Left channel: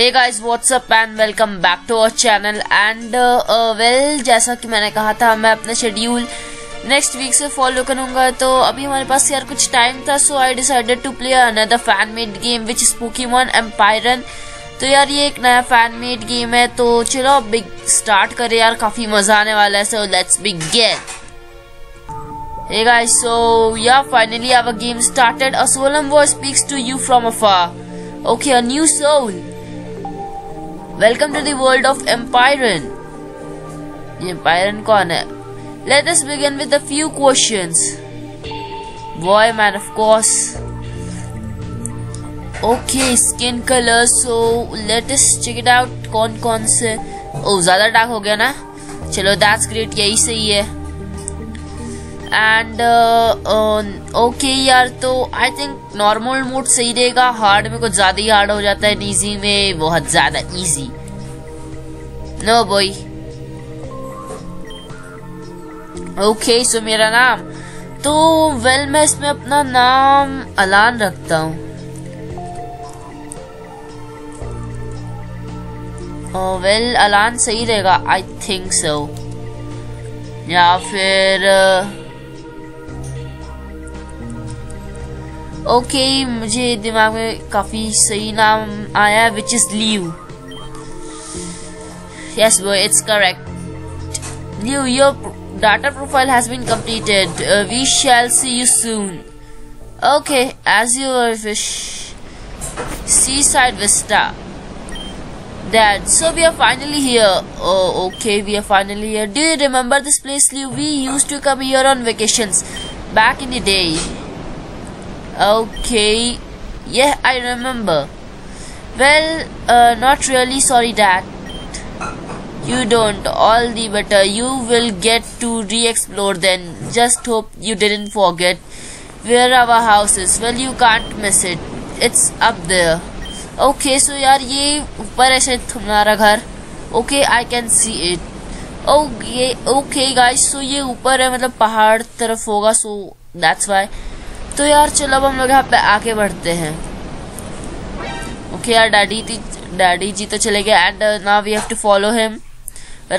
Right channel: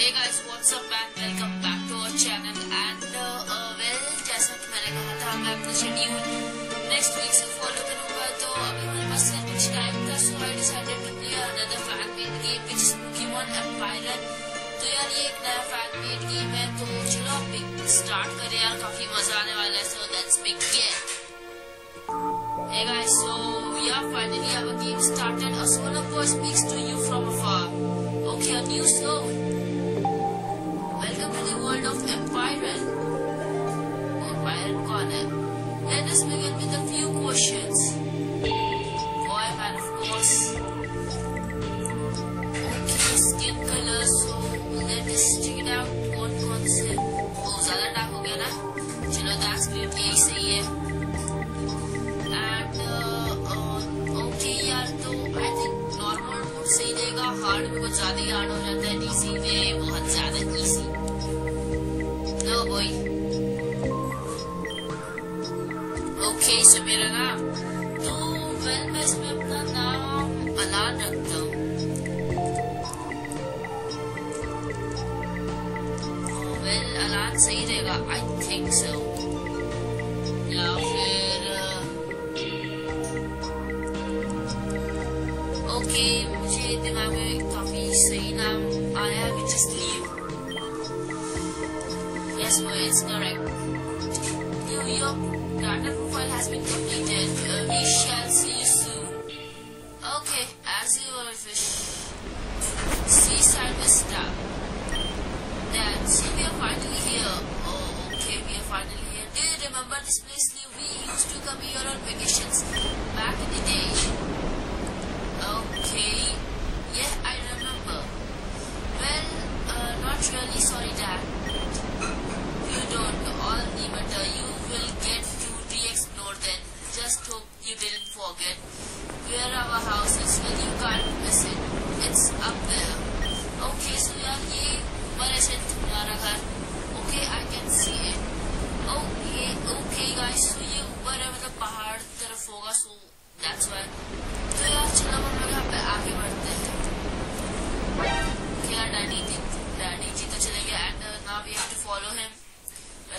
Hey guys, what's up and welcome back to our channel and well जैसा कि मैंने कहा था मैं अपना शेड्यूल नेक्स्ट वीक से फॉलो करूंगा। तो अभी हमारे पास यार कुछ टाइम था, so I decided to play another fan made game which is Pokemon Empyrean. तो यार ये एक नया फैन मेड गेम है, तो चलो बिग स्टार्ट करें यार, काफी मजा आने वाला है। So let's begin. Hey guys, so yeah, finally our game started. A solemn voice speaks to you from afar. Okay, a new soul. Welcome to the world of Empirean. Empirean कौन है? Let us begin with a few questions. Boy, man, of course. Okay, skin color. So let us check it out. कौन से? Oh, ज़्यादा dark हो गया ना? चलो, that's great. यही सही है. एंड ओके यार, तो आई थिंक नॉर्मल मोड सही रहेगा। हार्ड में कुछ ज्यादा ही हार्ड हो जाता है, इजी में बहुत ज्यादा easy. No boy. Okay, so मेरा नाम तो वेल मैं इसमें अपना नाम अलान रखता हूँ। वेल अलान सही रहेगा, आई थिंक सो। या फिर ओके, मुझे दिमाग में काफी सही नाम आया, which is leave. Yes boy, it's correct. Leave, your data profile has been completed. We shall see you soon. Okay, as you wish. See side vista. Dad, so we are finally here. Oh, okay, we are finally here. Do you remember this place, Liu? We used to come here on vacations back in the day. Okay, yeah, I remember. Well, not really. Sorry, Dad. You don't. All the better. You will get to re-explore then. Just hope you didn't forget where our house is. Well, you can't miss it. It's up there. Okay, so यार ये ऊपर है शायद तुम्हारा घर। Okay, I can see it. Okay guys, so ये ऊपर है, मतलब पहाड़ तरफ होगा, so that's why. तो यार चलो अब हम लोग यहाँ पे आगे बढ़ते हैं। Okay यार, डैडी जी तो चले गए and now we have to follow him.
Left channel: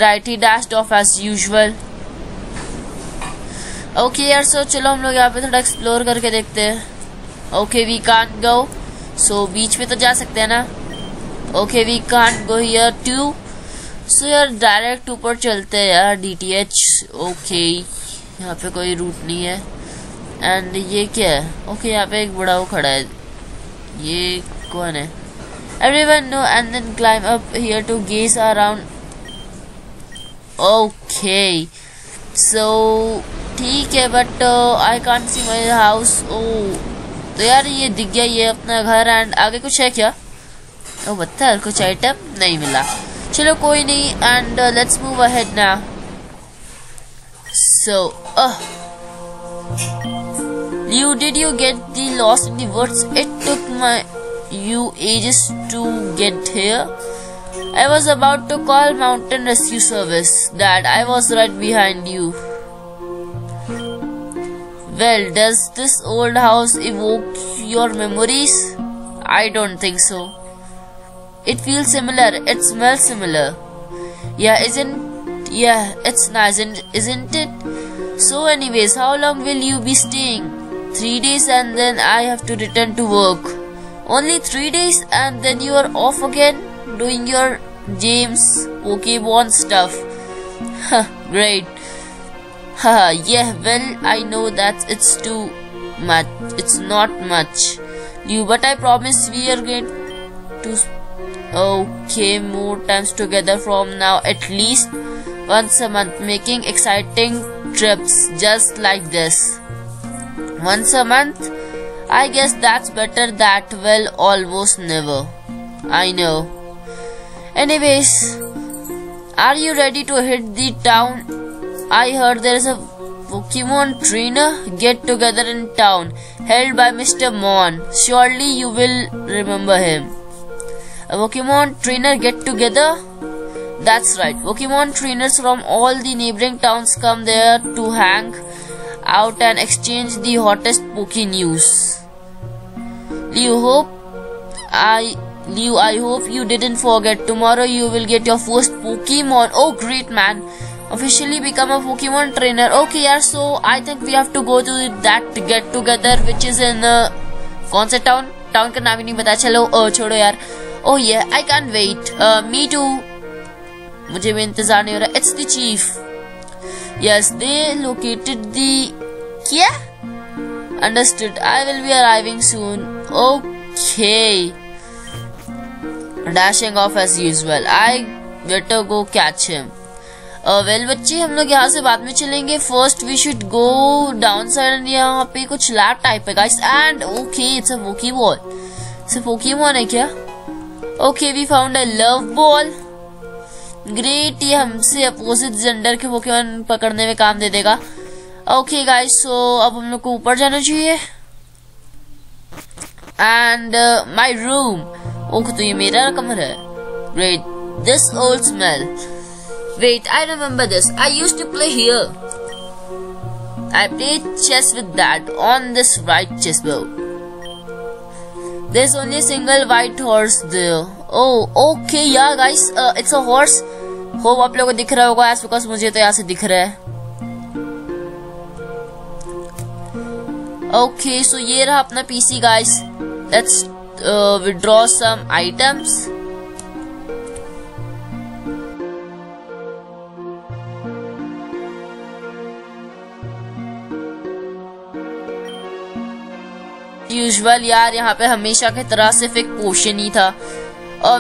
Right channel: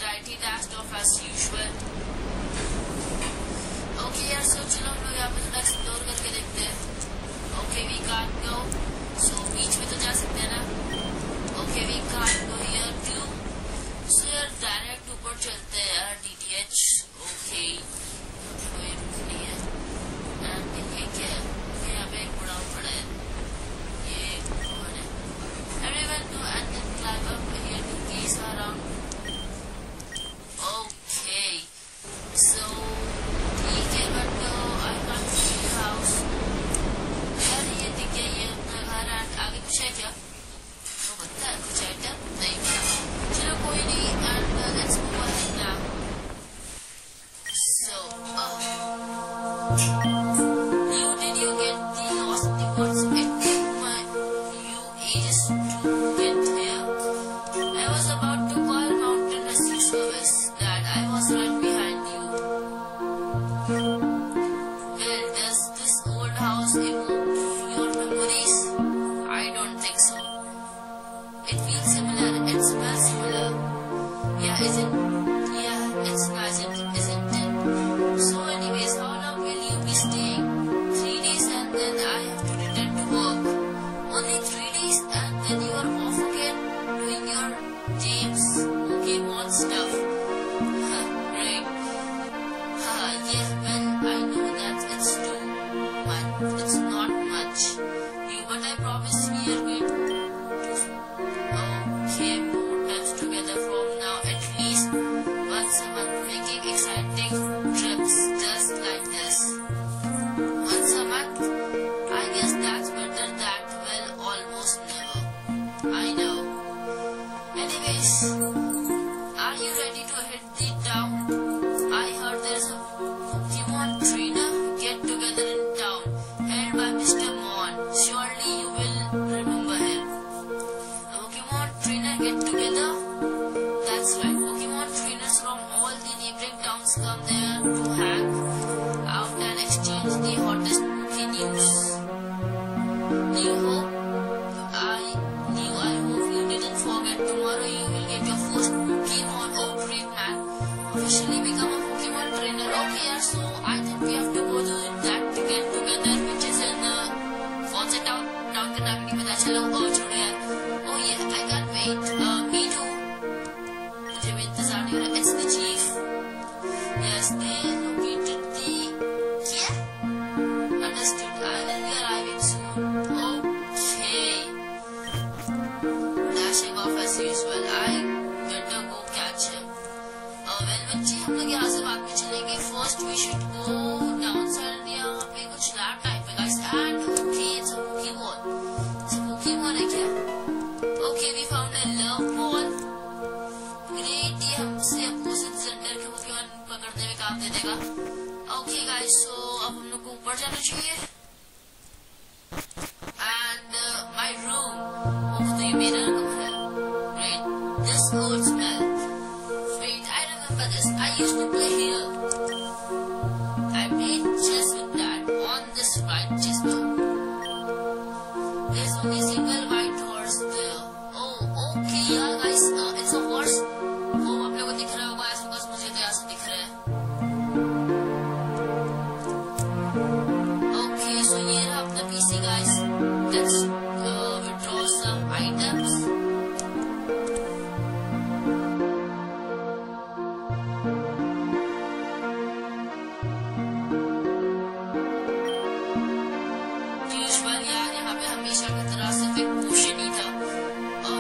Right, he dashed off as usual. Okay यार, so चलो हम लोग यहाँ पे थोड़ा एक्सप्लोर करके देखते हैं। Okay, we can't go. So बीच में तो जा सकते हैं ना? Okay, we can't go here too. So यार डायरेक्ट ऊपर चलते हैं यार, DTH. Okay, यहाँ पे कोई रूट नहीं है। एंड ये क्या है? ओके, यहाँ पे एक बड़ा वो खड़ा है, ये कौन है? Everyone know and then climb up here to gaze around. Okay, so ठीक है, but I can't see my house. Oh, तो यार ये दिख गया, ये अपना घर। एंड आगे कुछ है क्या? ओ बता, कुछ आइटम नहीं मिला। चलो कोई नहीं, and let's move ahead now. So You, did you get the lost in the woods? It took you ages to get here. I was about to call Mountain Rescue Service. Dad, I was right behind you. Well, does this old house evoke your memories? I don't think so. It feels similar. It smells similar. Yeah, it's nice, isn't it? So anyways, how long will you be staying? 3 days and then I have to return to work. Only 3 days and then you are off again doing your James Pokemon stuff. Great. Yeah, well, I know that it's too much. It's not much, you, but I promise we are going to more times together from now, at least once a month, making exciting trips just like this. Once a month? I guess that's better that, well, almost never. I know. Anyways, are you ready to hit the town? I heard there is a Pokemon trainer get together in town held by Mr. Mon. Surely you will remember him. A Pokemon trainer get together? That's right. Pokemon trainers from all the neighboring towns come there to hang out and exchange the hottest Poke news. You hope Liu, I hope you didn't forget. Tomorrow you will get your first Pokemon. Oh great man. Officially become a Pokemon trainer. Okay यार, so I think we have to go to that get together which is in कौन सा town? Town का नाम ही नहीं पता. चलो छोड़ो यार. Oh yeah, I can't wait. Me too. मुझे भी इंतजार नहीं हो रहा. It's the chief. Yes, they located the क्या? Understood. I will be arriving soon. Okay. Dashing off as usual. I better go catch him. Well बच्चे, हम लोग यहाँ से बाद में चलेंगे. First we should go downside. यहाँ पे कुछ लैब टाइप है guys. And okay, it's a Pokeball. It's a Pokemon है क्या? Okay, we found a love ball. Great, ये हमसे अपोजिट जेंडर के Pokemon पकड़ने में काम दे देगा. Okay guys, so अब हम लोग को ऊपर जाना चाहिए. And my room. ओह, तो ये मेरा कमरा है. Great, this old smell. Wait, I remember this. I used to play here. I played chess with Dad on this white chessboard. There's only a single white horse there. Oh, okay, yeah, guys. It's a horse. Hope आप लोगों को दिख रहा होगा, as because मुझे तो यहाँ से दिख रहा है. Okay, so ये रहा अपना PC, guys. Let's withdraw some items. Usual यार, यहाँ पे हमेशा की तरह सिर्फ एक पोशन ही था.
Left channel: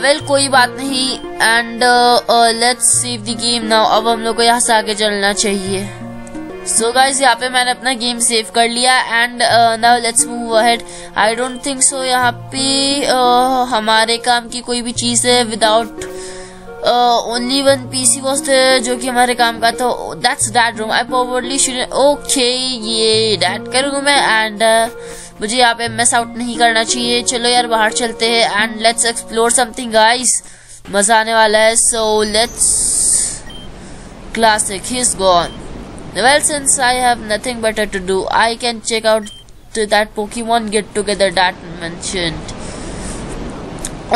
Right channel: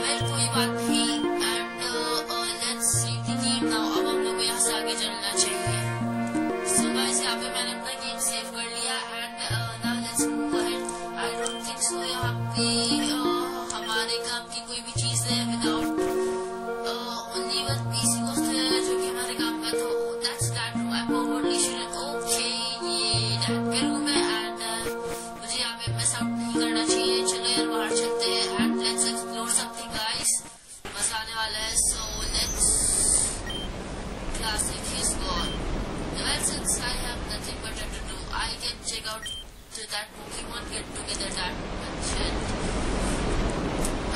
वेल कोई बात नहीं. And let's save the game now. अब हम लोग को यहाँ से आगे चलना चाहिए. सो गाइस, यहाँ पे मैंने अपना गेम सेव कर लिया. And now let's move ahead. I don't think so यहाँ पे हमारे काम की कोई भी चीज है. Without only one PC was जो कि हमारे काम का था. That's that room. I probably should. Okay, ये दैट का रूम है. एंड मुझे यहाँ पे मिस आउट नहीं करना चाहिए. चलो यार, बाहर चलते हैं. And let's explore something guys. मजा आने वाला है. So let's classic. He is gone. Well, since I have nothing better to do, I can check out to that Pokemon get together that mentioned.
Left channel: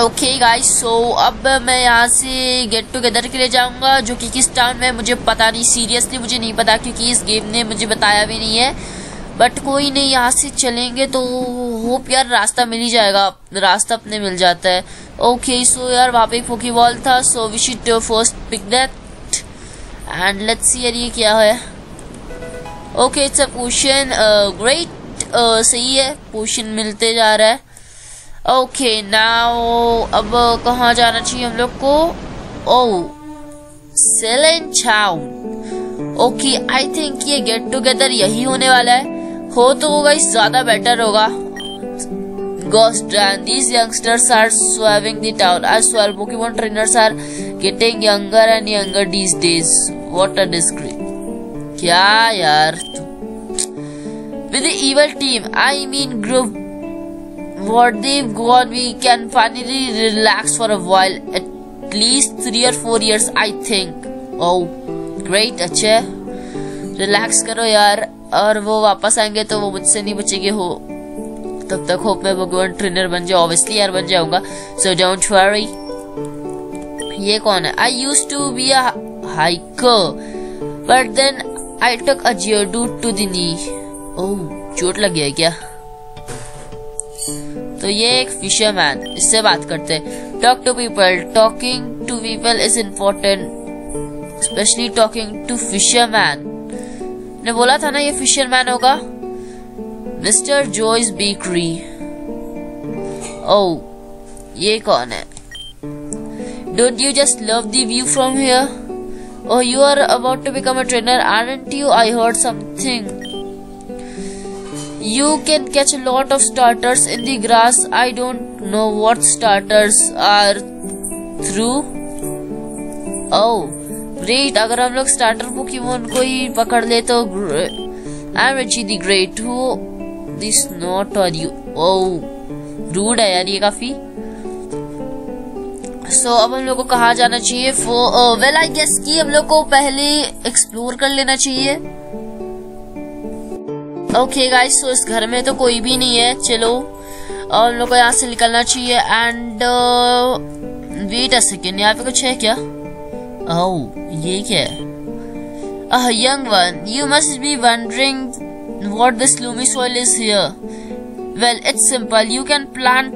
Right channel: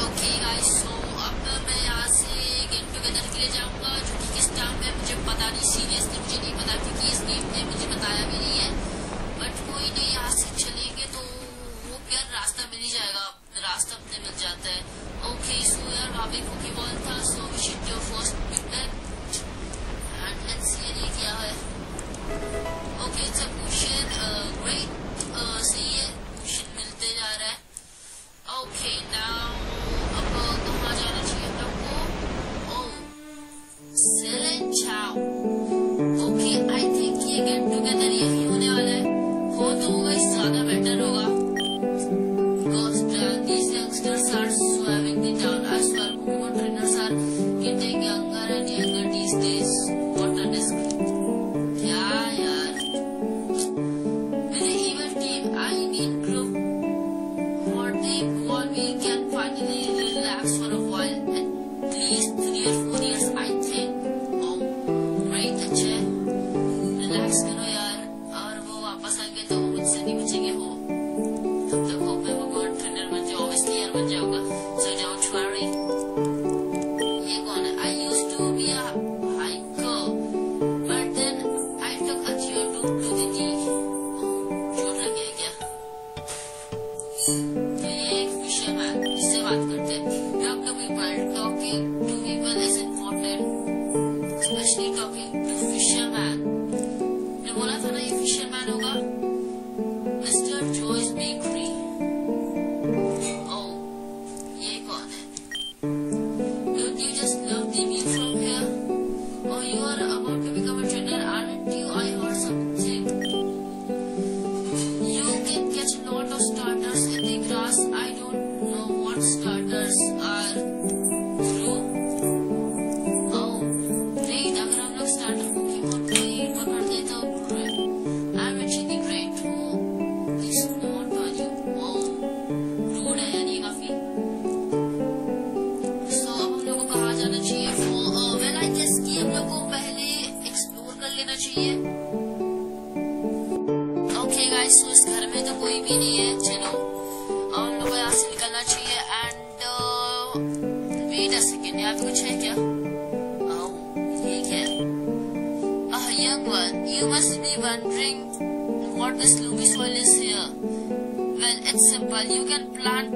Okay guys, so अब मैं यहाँ से get together के लिए जाऊंगा, जो कि किस टाउन में मुझे पता नहीं. सीरियसली मुझे नहीं पता, क्योंकि इस गेम ने मुझे बताया भी नहीं है. बट कोई नहीं, यहाँ से चलेंगे तो होप यार रास्ता मिल ही जाएगा. रास्ता अपने मिल जाता है. Okay, so यार वहाँ पे एक Pokeball था. So we should first pick that and let's see यार ये क्या है. Okay, it's a potion. Great, सही है, पोशन मिलते जा रहा है. ओके, नाउ अब कहाँ जाना चाहिए हम लोग को? ओह, सेलेंचाओ. ओके, आई थिंक ये गेट टुगेदर यही होने वाला है. हो तो होगा, इस ज्यादा बेटर होगा. Ghost and these youngsters are swarming the town. I swear Pokemon trainers are getting younger and younger these days. What a disgrace. क्या यार, with the evil team, I mean group, what they've got, we can finally relax for a while. At least 3 or 4 years, I think. Oh, great, अच्छा, relax करो यार. और वो वापस आएंगे तो वो मुझसे नहीं बचेंगे. हो तब तक होप मैं Pokemon ट्रेनर बन जाऊँ. ऑब्वियसली यार बन जाऊंगा. So don't worry. ये कौन है? I used to be a hiker, but then I took a geodude to the knee. ओह, चोट लग गया है क्या? तो ये एक फिशरमैन, इससे बात करते. Talk to people. Talking to people is important, specially talking to fisherman. ने बोला था ना ये फिशरमैन होगा. Mister Joyce bakery. ओह, ये कौन है? Don't you just love the view from here? Oh, you are about to become a trainer, aren't you? I heard something. You can catch a lot of starters in the grass. I don't know what starters are through. Oh, great. अगर हम लोग starter Pokemon को ही पकड़ ले तो I'm Richie the Great. Who this not are you? Oh, rude है यार ये काफी. So, अब हम लोग को कहाँ जाना चाहिए? वेल आई गेस कि हम लोग को पहले एक्सप्लोर कर लेना चाहिए. ओके गाइस, सो इस घर में तो कोई भी नहीं है. चलो हम लोग को यहाँ से निकलना चाहिए. And and wait a second, यहाँ पे कुछ है क्या? ओह, ये क्या है? A young one, you must be wondering what this gloomy soil is here. Well, it's simple. You can plant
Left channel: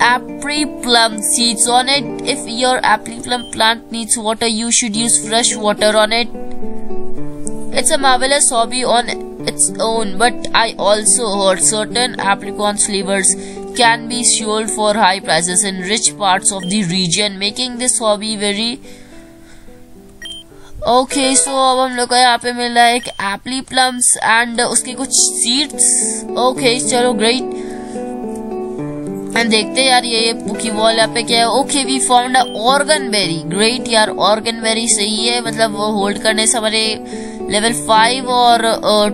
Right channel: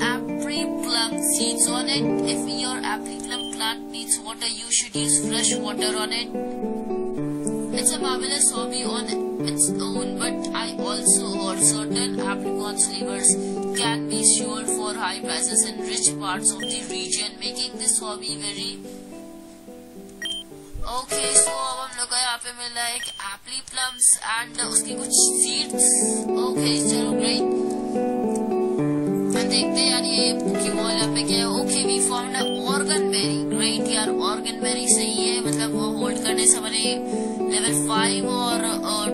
apple plum seeds on it. If your apple plum plant needs water, you should use fresh water on it. It's a marvelous hobby on its own, but I also heard certain apricot flavors can be sold for high prices in rich parts of the region, making this hobby very okay. So अब हम लोग को यहाँ पे मिल रहा है एक एप्पली plums and उसके कुछ सीड्स। ओके चलो ग्रेट, एंड देखते हैं यार ये पुकी बॉल यहाँ पे क्या है। Okay we found a organ berry. Great यार, ऑर्गन बेरी सही है, मतलब वो होल्ड करने से हमारे लेवल 5 और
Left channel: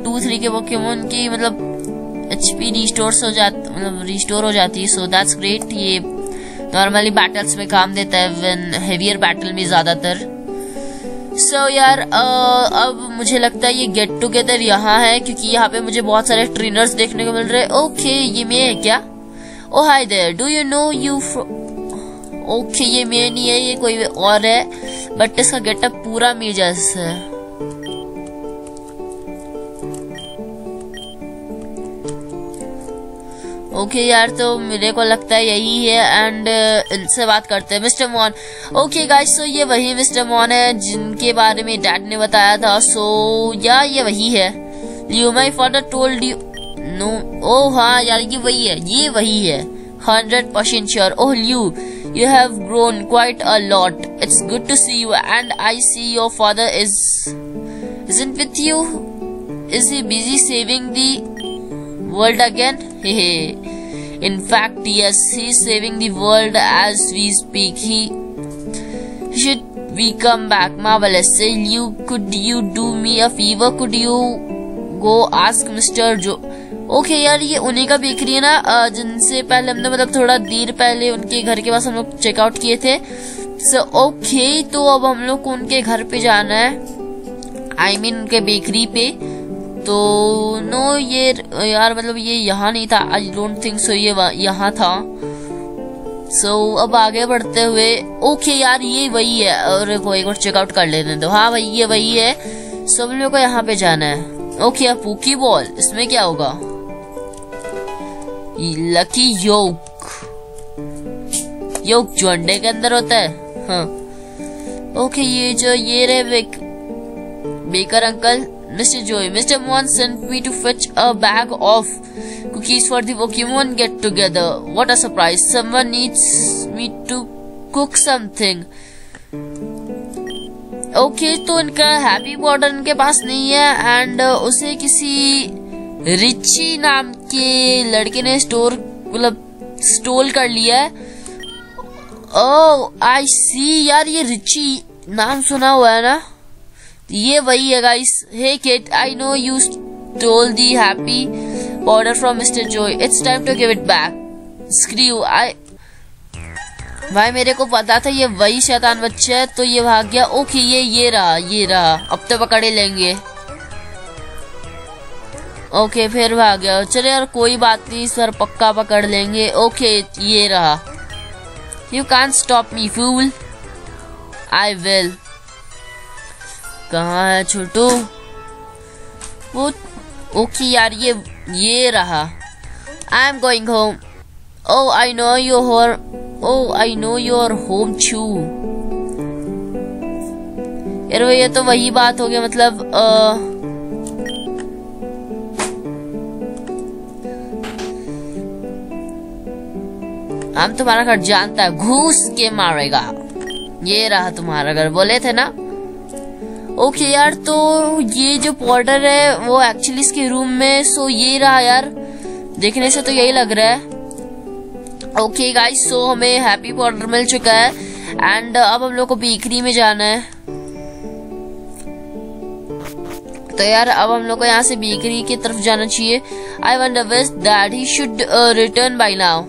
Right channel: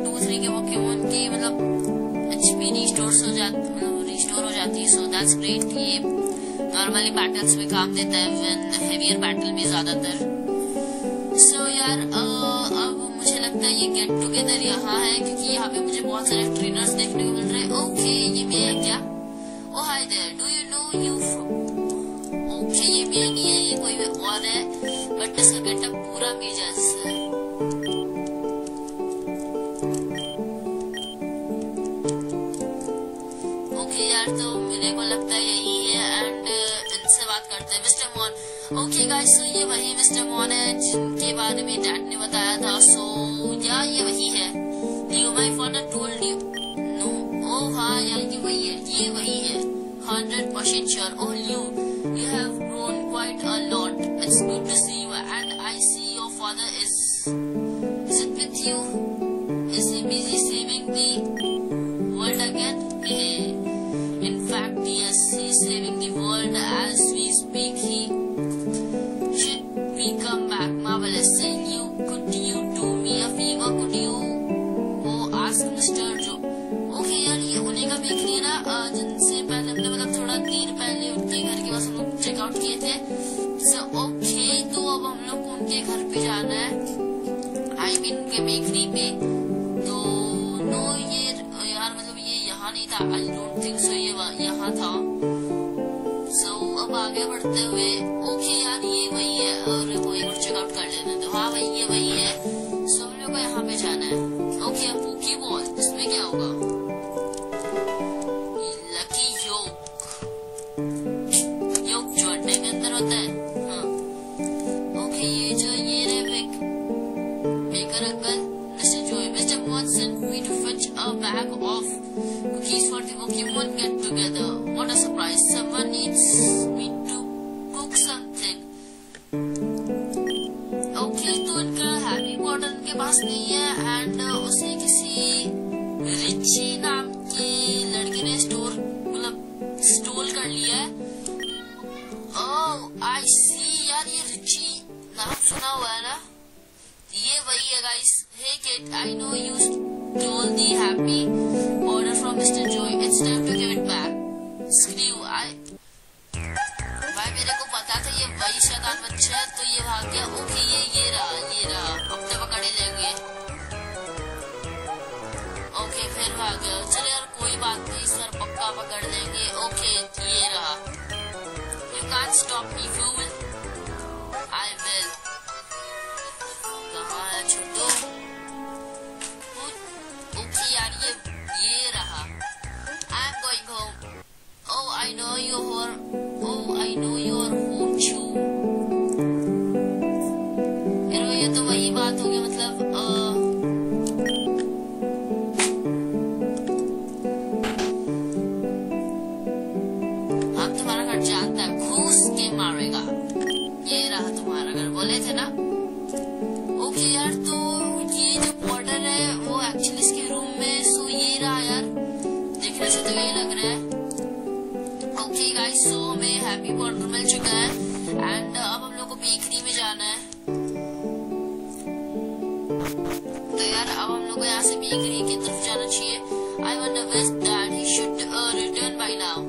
2-3 के पोकेमोन की मतलब एचपी रिस्टोर हो जाती है। So that's great. ये नॉर्मली बैटल्स में काम देता है, व्हेन हेवियर बैटल में ज्यादातर। सो यार अब मुझे लगता है ये गेट टुगेदर यहाँ है, क्योंकि यहाँ पे मुझे बहुत सारे ट्रेनर्स देखने को मिल रहे हैं। ओके ये मैं है क्या? Oh hi there, do you know you? Okay ये मैं नहीं है, ये कोई और है, बट इसका गेटअप पूरा मेरे जैसा है। ओके यार, तो मेरे को लगता है यही है, एंड इनसे बात करते हैं। मिस्टर मॉन। ओके गाइस, सो ये वही मिस्टर मॉन है जिनके बारे में डैड ने बताया था। सो या ये वही है। You my father told you know? ओह हाँ यार, ये वही है 100% sure. Oh you have grown quite a lot. It's good to see you, and I see your father isn't with you. Is he busy saving the world again? In fact, yes, he's saving the world as we speak. Should we come back? Marvelous. Could you do me a favor? Could you go ask Mr. Joe? Okay यार, ये उन्हीं का bakery है ना जिनसे पहले हमने मतलब थोड़ा देर पहले उनके घर के पास हम लोग चेकआउट किए थे। सो ओके, तो अब हम लोग को उनके घर पे जाना है, आई मीन उनके बेकरी पे। तो नो ये यार मतलब ये यहाँ नहीं था, आई डोंट थिंक सो ये यहाँ था। सो अब आगे बढ़ते हुए, ओके यार ये वही है, और वो एक बार चेकआउट कर लेने दो। हाँ भाई ये वही है। सो हम लोग को यहाँ पे जाना है। ओके अब पोकी बॉल, इसमें क्या होगा? लकी योक जो अंडे के अंदर होता है। हाँ ओके, ये रहे baker uncle. Mr. Joey, Mr. Mon sent me to fetch a bag of cookies for the Pokemon get together. What a surprise! Someone needs me to cook something. Okay, तो इनका हैप्पी बॉर्डर इनके पास नहीं है, and उसे किसी Richie नाम के लड़के ने स्टोल कर लिया है। ओह आई सी यार, ये रिची नाम सुना हुआ है ना, ये वही है guys. Hey kid, I know you stole the happy powder from mister Joy, it's time to give it back. Screw भाई मेरे को पता था ये वही शैतान बच्चा है, तो ये भाग गया। ओके ये रहा, अब तो पकड़ ही लेंगे। ओके फिर भाग गया, चले यार कोई बात नहीं, सर पक्का पकड़ लेंगे। ओके ये रहा। You can't stop me fool, I will. कहाँ है छोटू? वो ओके यार ये रहा। I am going home. Oh I know your home chew. यार ये तो वही बात हो गया, मतलब हम तुम्हारा घर जानता है, घूस के मारेगा। ये रहा तुम्हारा घर, बोले थे ना। ओके यार, तो ये जो पाउडर है वो एक्चुअली इसके रूम में। सो ये रहा यार, देखने से तो यही लग रहा है। ओके गाइस, सो हमें हैप्पी पाउडर मिल चुका है, एंड अब हम लोग को बेकरी में जाना है। तो यार अब हम लोग को यहाँ से बेकरी की तरफ जाना चाहिए। I wonder which that he should return by now.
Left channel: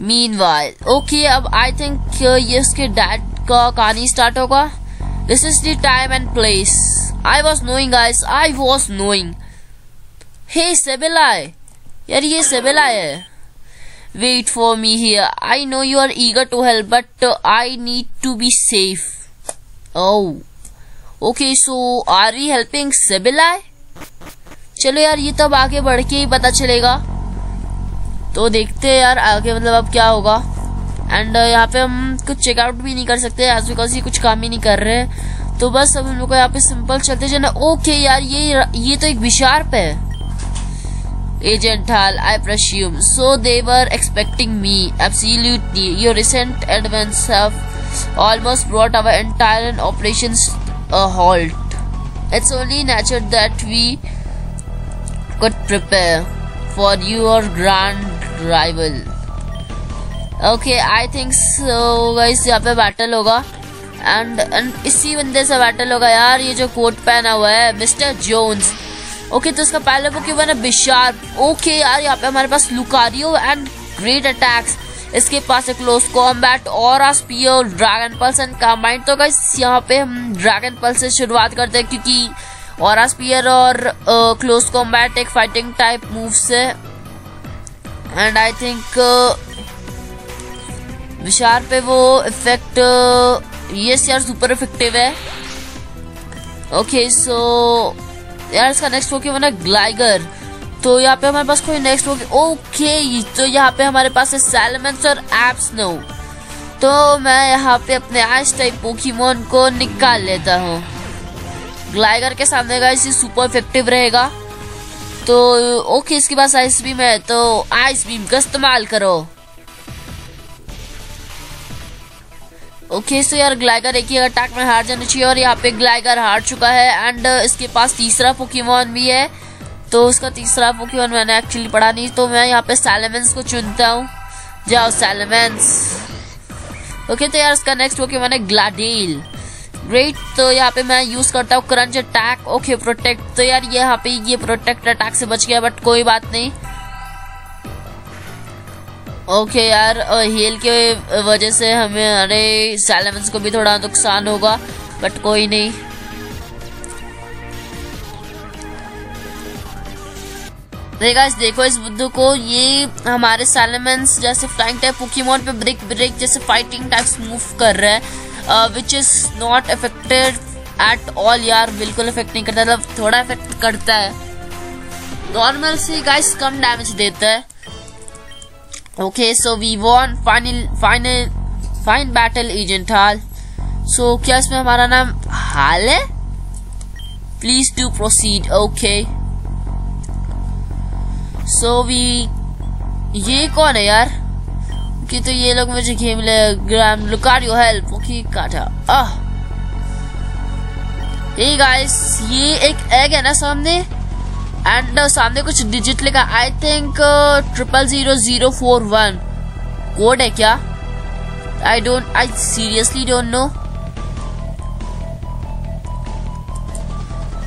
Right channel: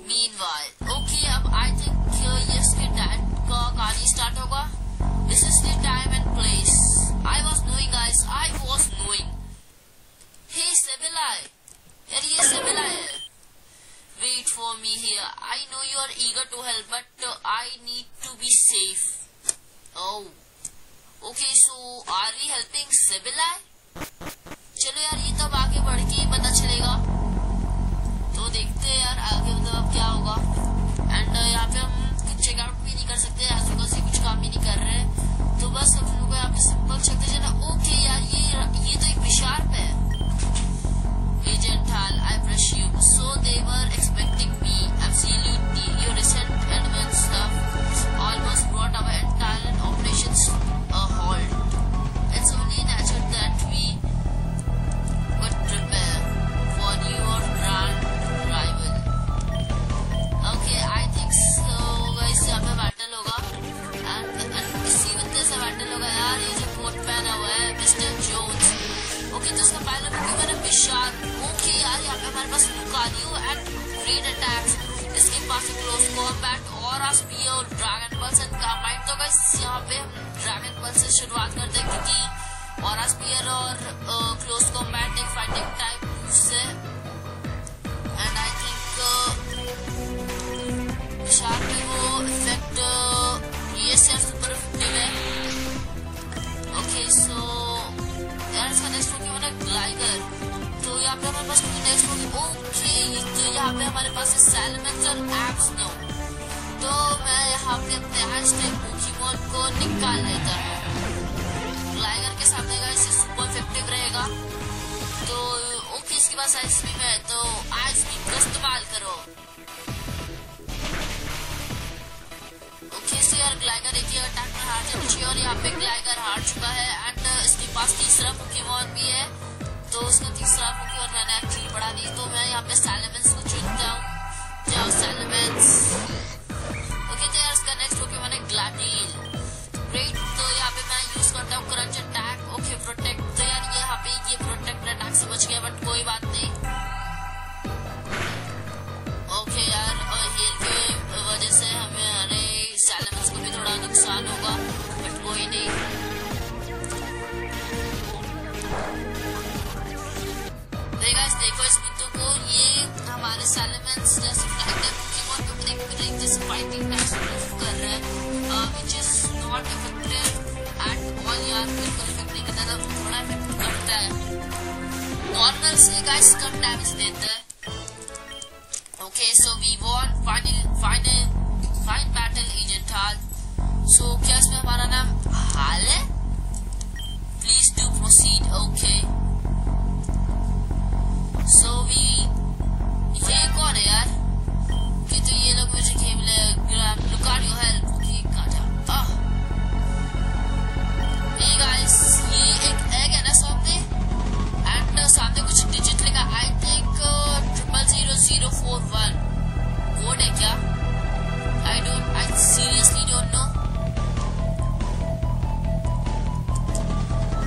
Meanwhile okay, अब आई थिंक ये उसके डैड का कहानी स्टार्ट होगा। This is the time and place. I was knowing guys, I was knowing. Hey Sableye, यार ये Sableye है। Wait for me here. I know you are eager to help, but I need to be safe. Oh, okay. So are we helping Sibylla? चलो यार, ये तब आगे बढ़ के ही पता चलेगा। तो देखते हैं यार आगे मतलब अब क्या होगा। एंड यहाँ पे हम कुछ चेकआउट भी नहीं कर सकते एज बिकॉज ये कुछ काम ही नहीं कर रहे। तो बस अब हम लोग को यहाँ पे सिंपल चलते जाना। ओके यार, ये तो एक बिशार्प है। Agent Hall, I presume. So they were expecting me. Absolutely. Your recent events have almost brought our entire operations a halt. It's only natural that we could prepare for your grand rival. Okay, I think so guys, यहाँ पे battle होगा and इसी बंदे से battle होगा यार। ये जो कोट पहना हुआ है मिस्टर जोन्स। ओके, तो इसका पहले पोकेमॉन है बिशार्प। ओके यार, यहाँ पे हमारे पास लुकारियो एंड ग्रेट अटैक्स। इसके पास एक क्लोज कॉम्बैट और spear, dragon pulse and combined. तो गाइस यहाँ पे हम ड्रैगन पल्स से शुरुआत करते हैं क्योंकि और स्पीयर और क्लोज कॉम्बैट एक फाइटिंग टाइप मूव्स है एंड आई थिंक बिशार्प पे वो इफेक्ट यस यार सुपर इफेक्टिव है। ओके, सो यार इसका नेक्स्ट पोकेमॉन है ग्लाइगर। तो यहाँ पे हमारे पास कोई नेक्स्ट ओके, तो यहाँ पे हमारे पास है सैलमेंस और एप्सनो। तो मैं यहाँ पे अपने आइस टाइप पोकेमॉन को निकाल लेता हूँ। ग्लाइगर के सामने गाइस ये सुपर इफेक्टिव रहेगा। तो ओके, इसके पास आइस बीम है तो आइस बीम का इस्तेमाल करो। ओके, सो यार ग्लाइगर एक ही अटैक में हार जाना चाहिए और यहाँ पे ग्लाइगर हार चुका है एंड इसके पास तीसरा पोकेमॉन भी है। तो उसका तीसरा पोकेमॉन मैंने एक्चुअली पढ़ा नहीं, तो मैं यहाँ पे सैलमेंस को चुनता हूँ। जाओ सैलमेंस। ओके, तो यार इसका नेक्स्ट पोकेमॉन है ग्लाडेल। ग्रेट, तो यहाँ पे मैं यूज करता हूँ क्रंच अटैक। Okay, protect. तो यार यहाँ पे ये प्रोटेक्ट अटैक से बच गया बट कोई बात नहीं। ओके यार, हील के वजह से हमें अरे सैलमेंस को भी थोड़ा नुकसान होगा बट कोई नहीं। देखो इस बुद्धू को, ये हमारे सैलमेंस जैसे फ्लाइंग टाइप पोकेमॉन पे ब्रेक जैसे फाइटिंग टाइप्स मूव कर रहा है which is not affected at all. यार बिल्कुल इफेक्ट नहीं करता, मतलब थोड़ा इफेक्ट करता है। नॉर्मल से गाइस कम डैमेज देता है। Okay, so we won fine battle Agent Hall. So क्या इसमें हमारा नाम हाल है? Please do proceed. Okay. So ये कौन है यार? कि तो ये लोग मुझे गेम ले लुकारियो हेल्प। ओके, काटा। Hey guys, ये एक एग है ना सामने एंड सामने कुछ डिजिट लिखा। आई थिंक 000041 कोड है क्या? I seriously don't know.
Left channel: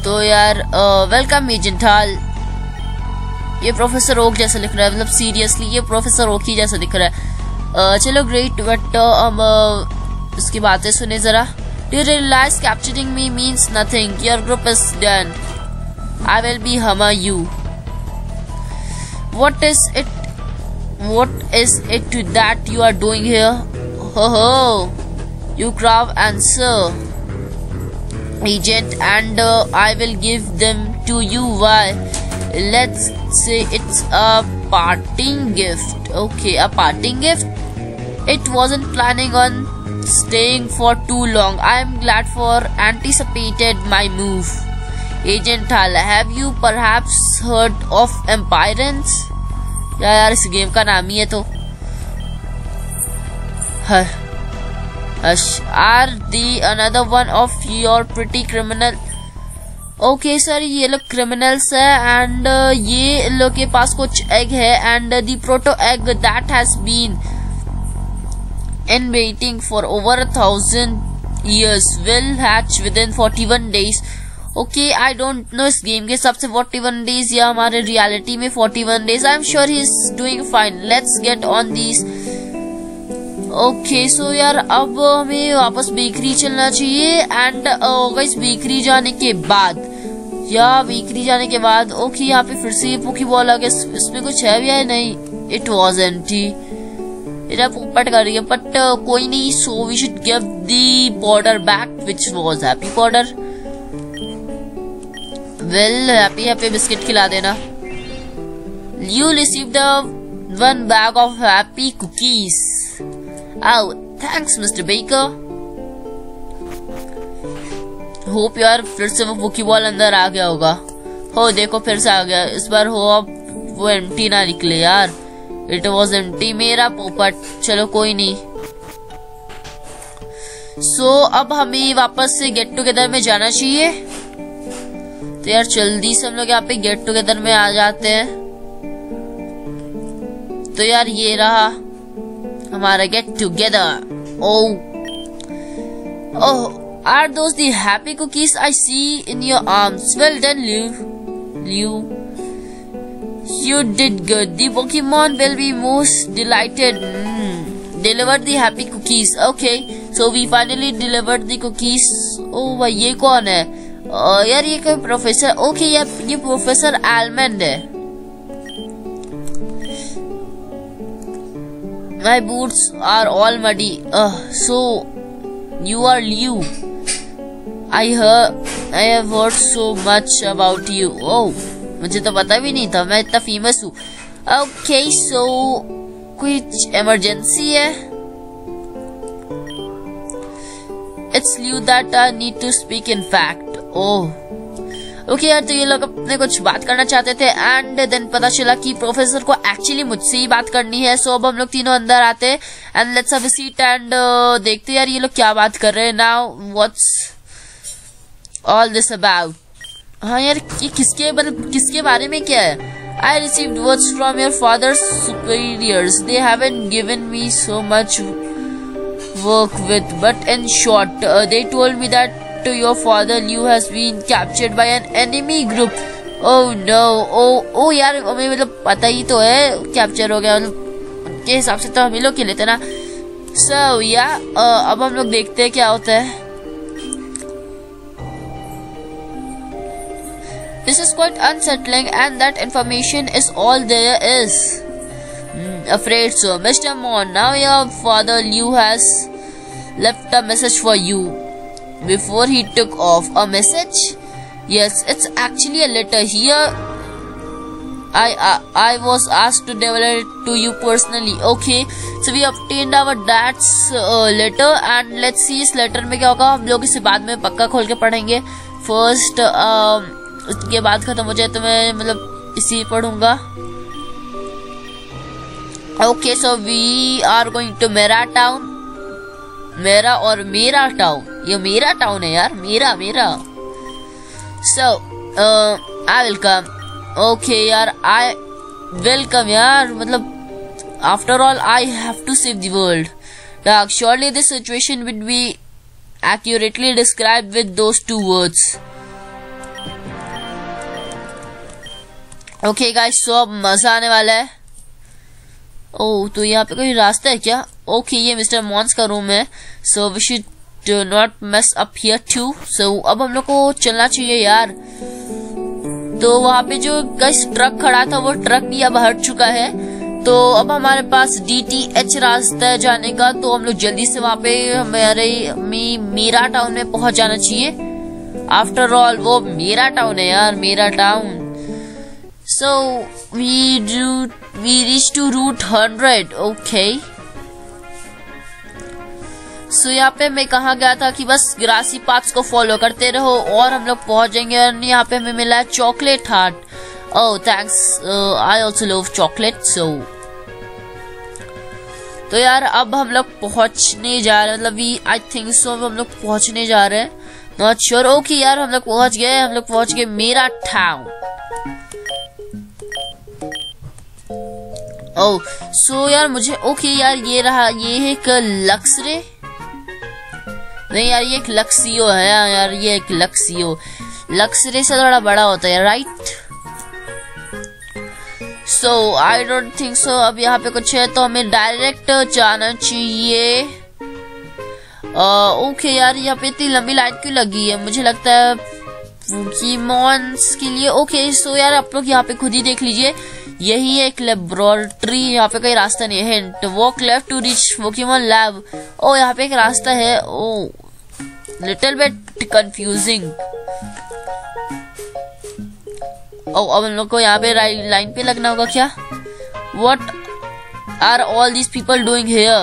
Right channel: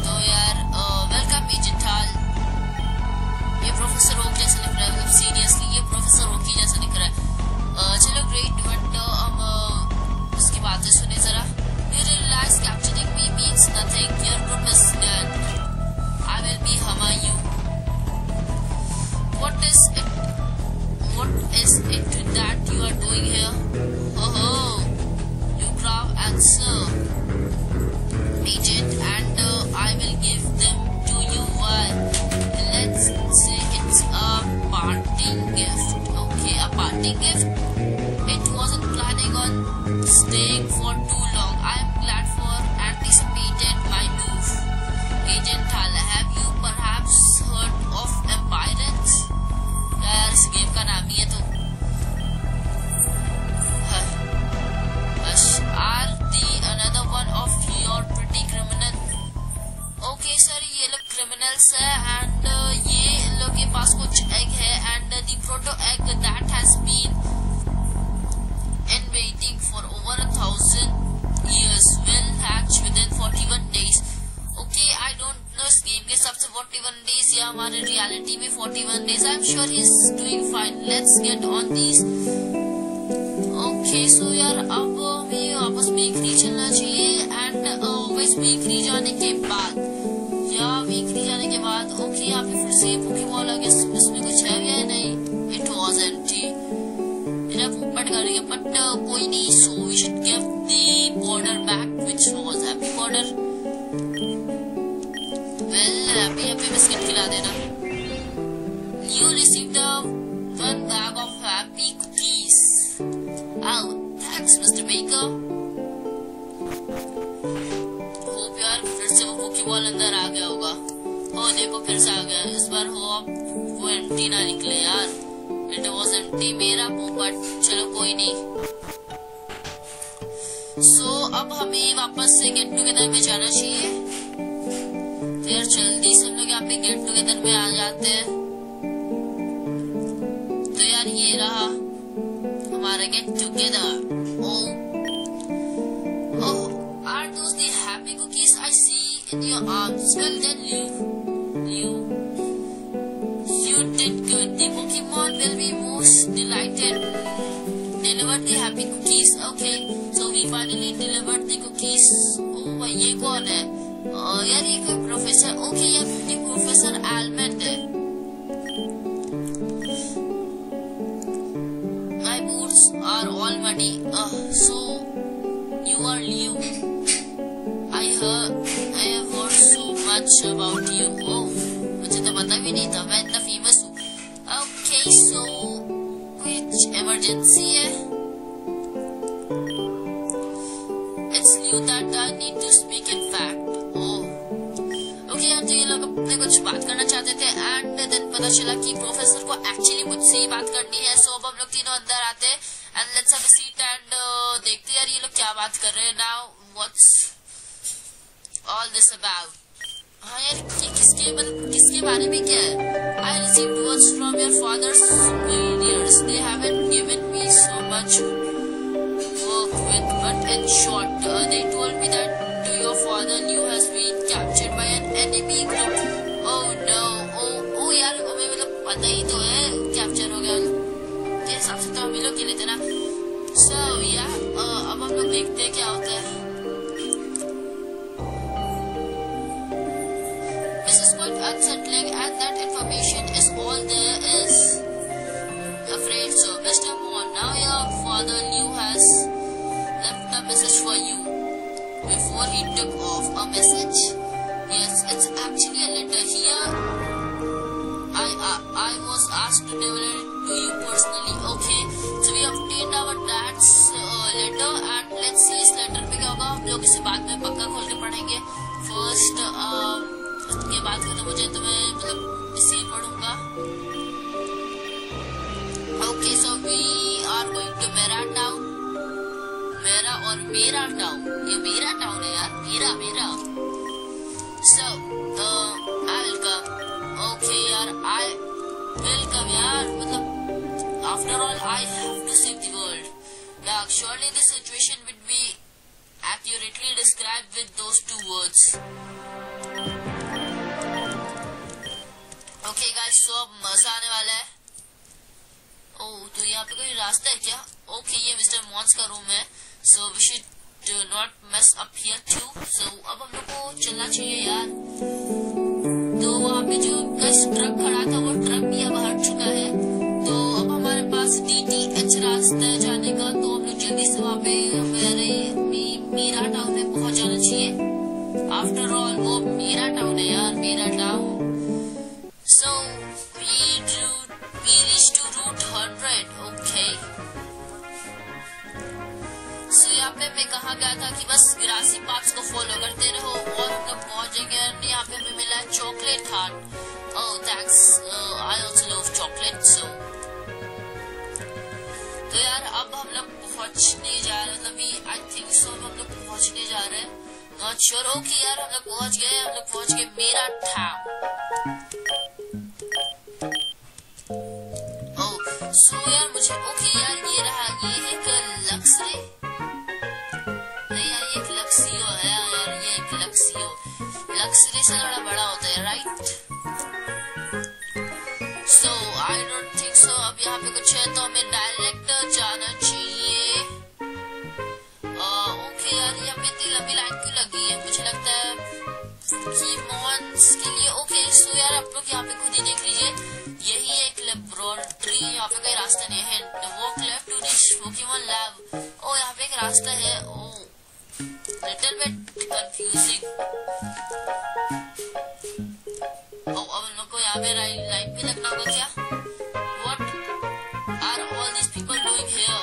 तो यार वेलकम एजेंट हॉल। ये प्रोफेसर ओक जैसा लिख रहा है, मतलब सीरियसली ये प्रोफेसर ओक ही जैसा दिख रहा है। चलो ग्रेट, बट हम इसकी बातें सुने जरा। Do you realize capturing me means nothing? Your group is done. I will be hammer you. What is it that you are doing here? Ho, you grab answer, agent, and I will give them to you. Why? Let's say it's a parting gift. Okay, a parting gift. It wasn't planning on staying for too long. I am glad for anticipated my move. Agent Hall, have you perhaps heard of Empirance? यार इस game का नाम ही है तो। Are the another one of your pretty criminal? Okay sir, ये लोग criminals है and ये लोग के पास कुछ egg है and the proto egg that has been in waiting for over 1,000 years will hatch within 41 days. Okay, I don't know इस game के हिसाब से 41 days या हमारे रियलिटी में 41 days. I'm sure he is doing fine. Let's get on these. Okay, so यार अब हमें वापस बेकरी चलना चाहिए एंड गाइस बेकरी जाने के बाद ओके यहाँ पे फिर से ये पोकेबॉल आ गया। इसमें कुछ है भी या नहीं? It was empty. मेरा पोपट कर रही है, बट कोई नहीं. So we should give the powder back, which was happy powder. Well, happy biscuit खिला देना. You received one bag of happy cookies. Oh, thanks, Mr. Baker. Hope यार फिर से वो पोकेबॉल अंदर आ गया होगा. हो देखो फिर से आ गया. इस बार हो अब वो एम्प्टी ना निकले यार. इट वॉज एम्प्टी मेरा पोपट. चलो कोई नहीं. सो अब हमें वापस से गेट टुगेदर में जाना चाहिए. तो यार जल्दी से हम लोग यहाँ पे गेट टुगेदर में आ जाते हैं. तो यार ये रहा हमारा get together. Oh, are those the happy cookies I see in your arms? Well done, Liu. You did good. The Pokemon will be most delighted. Deliver the happy cookies. Okay, so we finally delivered the cookies. Oh भाई ये कौन है? यार ये कोई professor. Okay ये professor almond है. My boots are all muddy. So you are Liu. I have heard so much about you. Oh, मुझे तो पता भी नहीं था मैं इतना फेमस हूँ. Okay, so कुछ इमरजेंसी है. It's Liu that I need to speak. In fact, oh, okay यार. तो ये लोग अपने कुछ बात करना चाहते थे एंड देन पता चला कि प्रोफेसर को एक्चुअली मुझसे ही बात करनी है. सो अब हम लोग तीनों अंदर आते and let's have a seat and देखते यार ये लोग क्या बात कर रहे हैं. Now what's all this about? हाँ यार ये किसके बारे में क्या है? I received words from your father's superiors. They haven't given me so much work with, but in short, they told me that your father Liu has been captured by an enemy group. Oh no. Oh यार हमें मतलब पता ही तो है capture हो गया. मतलब के हिसाब से तो हम ही लोग खेले थे ना. So yeah, अब हम लोग देखते हैं क्या होता है. This is quite unsettling and that information is all there is. Afraid so. Mr. Mon, now your father Liu has left a message for you. Before he took off. A message? Yes, it's actually a letter. Here I was asked to deliver it to you personally. Okay, so we obtained our dad's letter and let's see इस letter में क्या होगा. हम लोग इसे बाद में पक्का खोल के पढ़ेंगे. फर्स्ट उसके बाद खत्म हो जाए तो मैं मतलब इसी पढ़ूंगा. Okay, so we are going to मेरा टाउन. मेरा और मेरा टाउन. ये मेरा टाउन है यार. मेरा. सो आई विल कम. ओके यार आई विल कम यार. मतलब after all I have to save the world. Surely this situation would be accurately described with those two words. Okay guys, so अब मजा आने वाला है. ओह, तो यहाँ पे कोई रास्ता है क्या? ओके, ये मिस्टर मॉन्स का रूम है. So we should not mess up here too. So अब हम लोग को चलना चाहिए यार. तो वहाँ पे जो गाइस ट्रक खड़ा था वो ट्रक भी अब हट चुका है. तो अब हमारे पास DTH रास्ता है जाने का. तो हम लोग जल्दी से वहाँ पे हमारे मेरा टाउन में पहुंच जाना चाहिए. आफ्टर ऑल वो मेरा टाउन है यार. मेरा town. So we reached to Route 100. Okay. So यहाँ पे मैं कहा गया था कि बस ग्रासी पाथ्स को फॉलो करते रहो और हम लोग पहुंच जाएंगे. और यहाँ पे हमें मिला है chocolate heart. Oh thanks. I also love chocolate. So तो यार अब हम लोग पहुंचने जा रहे हैं. मतलब आई थिंक सो हम लोग पहुंचने जा रहे हैं. Not sure. ओके यार हम लोग पहुंच गए. हम लोग पहुंच गए मेरा टाउन. ओह सो यार मुझे ओके यार ये रहा. ये है एक लक्सरे. नहीं यार ये एक लक्सियो है यार. ये एक लक्सरे से थोड़ा बड़ा होता है right. So I don't think so अब यहाँ पे कुछ है. तो हमें डायरेक्ट जाना चाहिए. ओके यार यहाँ पे इतनी लंबी लाइन क्यों लगी है? मुझे लगता है पोकेमॉन्स के लिए. ओके सो यार आप लोग यहाँ पे खुद ही देख लीजिए. यही एक लेबोरेटरी, यहाँ पे कोई रास्ता नहीं है। Hint, walk left to reach Pokemon lab. ओ यहाँ पे एक रास्ता है। Oh little bit confusing. ओ अब हम लोग को यहाँ पे लाइन पे लगना होगा क्या? What are all these people doing here?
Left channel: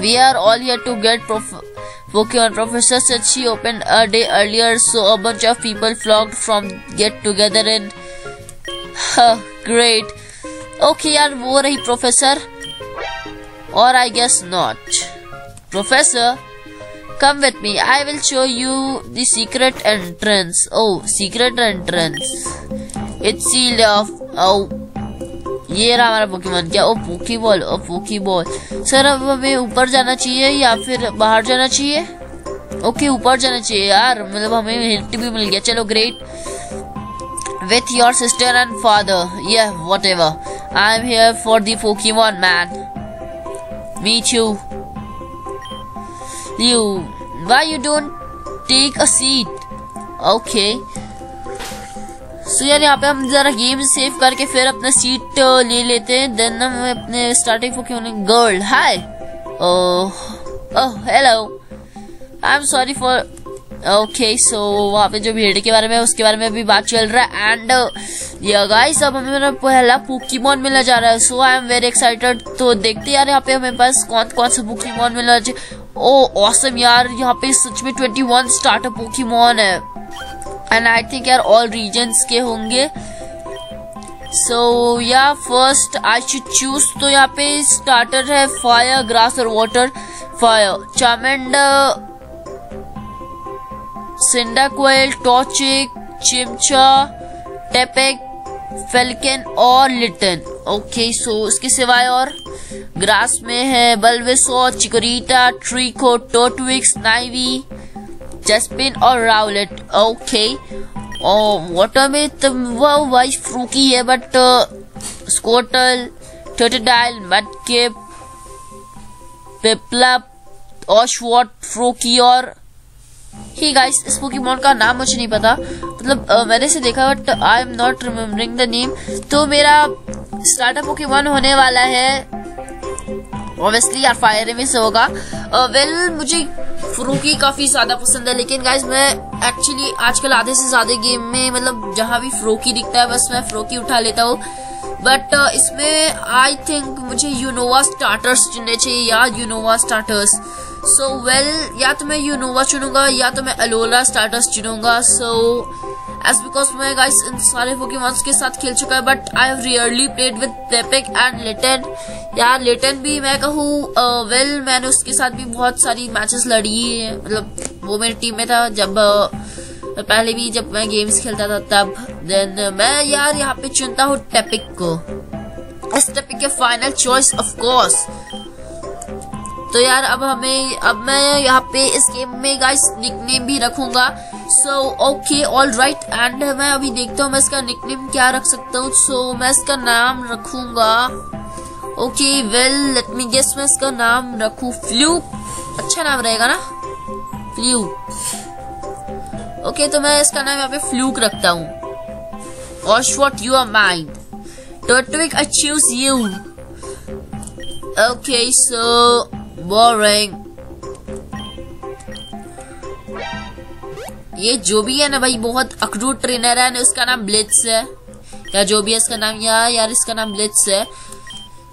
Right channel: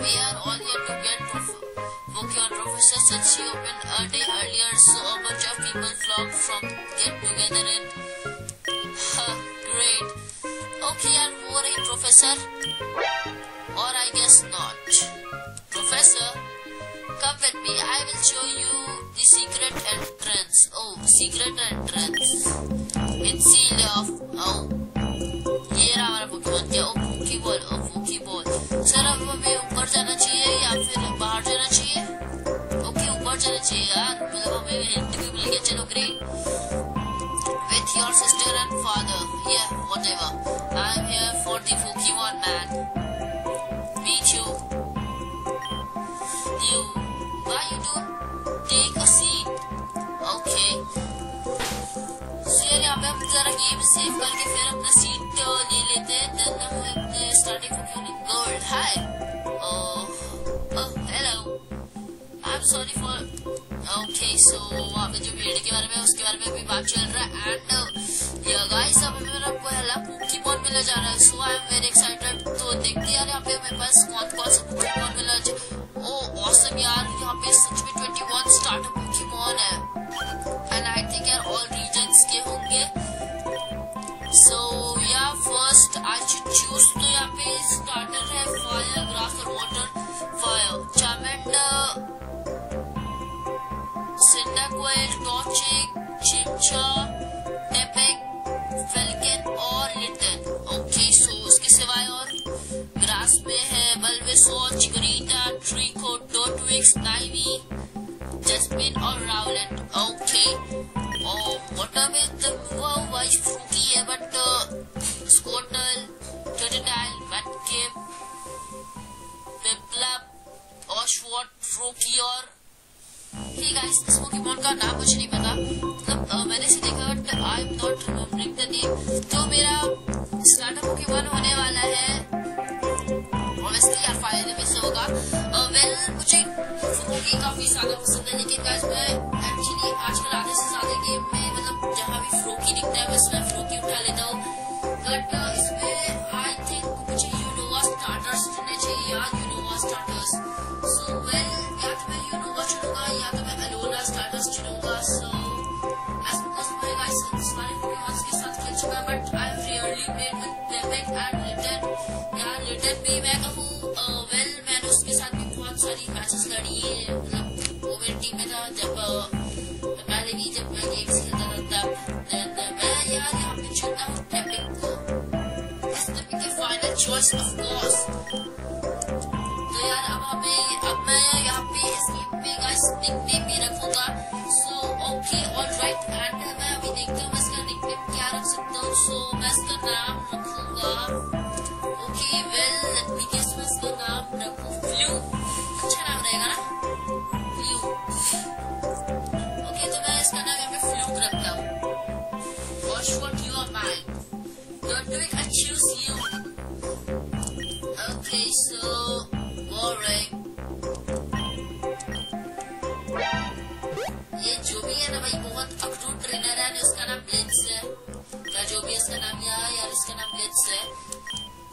We are all here to get Pokemon. Professor said she opened a day earlier, so a bunch of people flocked from get together in. Great. Okay यार, वो रही professor, और I guess not. Professor, come with me. I will show you the secret entrance. Oh, secret entrance. It's sealed off. Oh, ये रहा हमारा Pokemon. क्या? ओ Poké Ball. ओ Poké Ball. Sir अब हमें ऊपर जाना चाहिए या फिर बाहर जाना चाहिए? ओके ऊपर जाना चाहिए यार, मतलब हमें हिंट भी मिल गया। चलो great. With your sister and father. Yeah, whatever. I'm here for the Pokemon, man. Me too. You. Why you don't take a seat? Okay. So यार यहाँ पे हम जरा गेम सेव करके फिर अपना सीट ले लेते हैं। देन हम अपने starting Pokemon girl. Hi. Oh hello. I am sorry for. Okay so वहाँ पे जो भीड़ के बारे में उसके बारे में भी बात चल रहा है। एंड या गाइस अब हमें मेरा पहला पोकेमॉन मिलने जा रहा है। सो आई एम वेरी एक्साइटेड। तो देखते यार यहाँ पे हमें पास कौन कौन सा पोकेमॉन मिलना चाहिए। ओ ऑसम यार, यहाँ पे सच में 21 स्टार्टर पोकेमॉन है। एंड आई थिंक यार ऑल रीजन्स के होंगे। सो या फर्स्ट आई शुड चूज। तो यहाँ पे स्टार्टर है फायर, ग्रास और वाटर। फायर चार्मेंडर, सिंडाक्वेल, टॉर्चिक, चिमचा, टेपेक, फेल्कन और लिटन। ओके सो इसके सिवाय और ग्रास में है बल्वेसॉर, चिकोरीटा, ट्रीको, टोटविक्स, नाइवी, जस्पिन और राउलेट। ओके और वाटर में तो वो वाइस फ्रूकी है, बट स्कोटल, टर्टोडाइल, मडकिप, पिपलप, ऑशवॉट, फ्रूकी और ही गाइस इस पोकेमॉन का नाम मुझे नहीं पता, मतलब मैंने इसे देखा but I am not remembering the name. तो मेरा स्टार्टर पोकेमॉन होने वाला है ऑब्वियसली यार फायर में से होगा। वेल मुझे फ्रूकी काफी ज्यादा पसंद है, लेकिन गाइस मैं एक्चुअली आजकल आधे से ज्यादा गेम में मतलब जहां भी फ्रूकी दिखता है बस मैं फ्रूकी उठा लेता हूँ। बट इसमें आई थिंक मुझे यूनोवा स्टार्टर्स चुनने चाहिए या यूनोवा स्टार्टर्स। सो वेल या तो मैं यूनोवा चुनूंगा या तो मैं अलोला स्टार्टर्स चुनूंगा। सो एज बिकॉज मैं गाइस इन सारे पोकेमॉन्स के साथ खेल चुका है, but I have rarely played with Tepig and Litten. यार लिटन भी मैं कहूँ वेल मैंने उसके साथ भी बहुत सारी मैचेस लड़ी है, मतलब वो मेरी टीम में था जब पहले भी जब मैं गेम्स खेलता था तब। देन मैं यार यहाँ पे चुनता हूँ टेपिक को। इस टेपिक के फाइनल चॉइस ऑफ कोर्स। तो यार अब मैं यहाँ पे इस गेम में गाइस निकनेम भी रखूंगा। So okay all right. And मैं अभी देखता हूँ मैं इसका निकनेम क्या रख सकता हूँ। सो मैं इसका नाम रखूंगा okay well let me guess, मैं इसका नाम रखूं फ्लूक। अच्छा नाम रहेगा ना फ्लूक। ओके तो मैं इसका नाम यहाँ पे फ्लूक रखता हूँ। Oshawott you are mine. Turtwig I choose you. Okay so boring. ये जो भी है ना भाई बहुत अक्रूट ट्रेनर है ना, उसका नाम ब्लिट्स है या जो भी है इसका नाम यार इसका नाम ब्लिट्स है।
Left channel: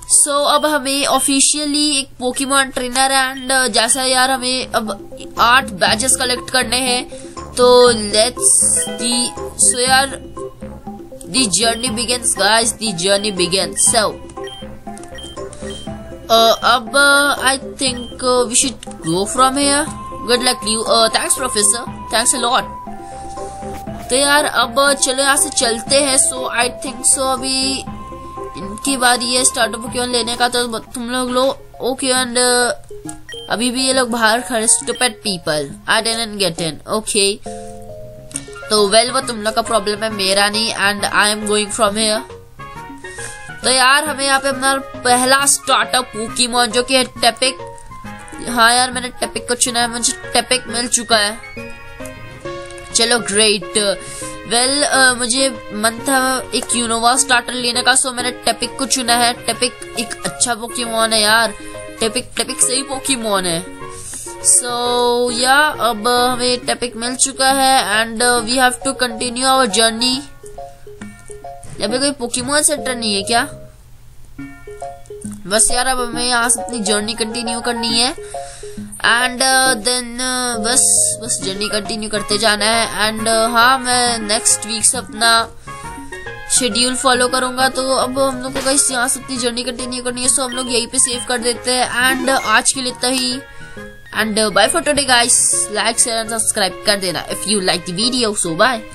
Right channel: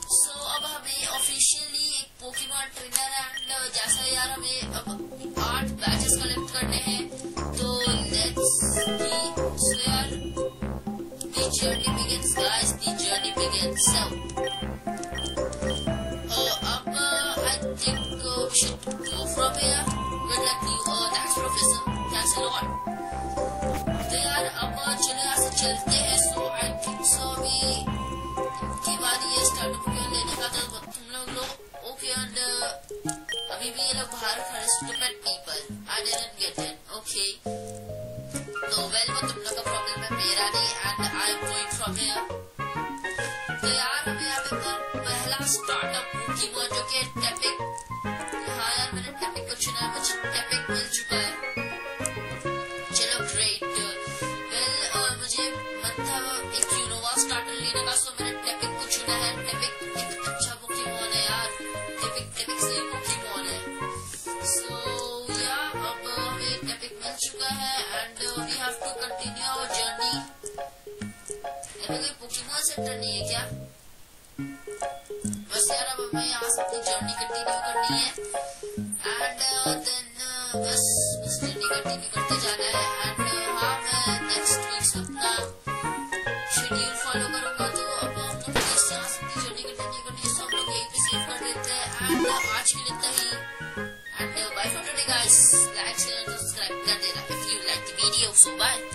सो अब हमें ऑफिशियली एक पोकेमॉन ट्रेनर है एंड जैसा यार हमें अब 8 बैचेस कलेक्ट करने हैं। तो लेट्स सो यार the journey begins guys, the journey begins. So अब I think we should go from here. Good luck you. Thanks professor, thanks a lot. तो यार अब चलो यहाँ से चलते हैं। सो आई थिंक सो अभी इनकी बारी है स्टार्टर पोकेमॉन लेने का। तो तुम लोग ओके एंड अभी भी ये लोग बाहर खड़े stupid people I didn't get in. Okay तो वेल वो तुम लोग का प्रॉब्लम है मेरा नहीं and I am going from here. तो यार हमें यहाँ पे अपना पहला स्टार्टर पोकेमॉन जो कि है टेपिक। हाँ यार मैंने टेपिक को चुना है, मुझे टेपिक मिल चुका है। चलो ग्रेट। वेल मुझे मन था एक यूनोवा स्टार्टर लेने का, सो मैंने टेपिक को चुना है। टेपिक एक अच्छा पोकेमॉन है यार, टेपिक सही पोकेमॉन है। सो या अब हमें टेपिक मिल चुका है and we have to continue our journey. यहाँ पे कोई पोकेमॉन सेंटर नहीं है क्या? बस यार अब हमें यहाँ से अपनी जर्नी कंटिन्यू करनी है and then bus journey continue करते जाना है। एंड हाँ, मैं नेक्स्ट वीक से अपना शेड्यूल फॉलो करूंगा। तो अब हम लोग को बस यहाँ से अपनी जर्नी कंटिन्यू करनी है, सो हम लोग यहीं पे सेव कर देते हैं एंड आज के लिए इतना ही। And bye for today guys, like share and subscribe कर देना if you like the video. So bye.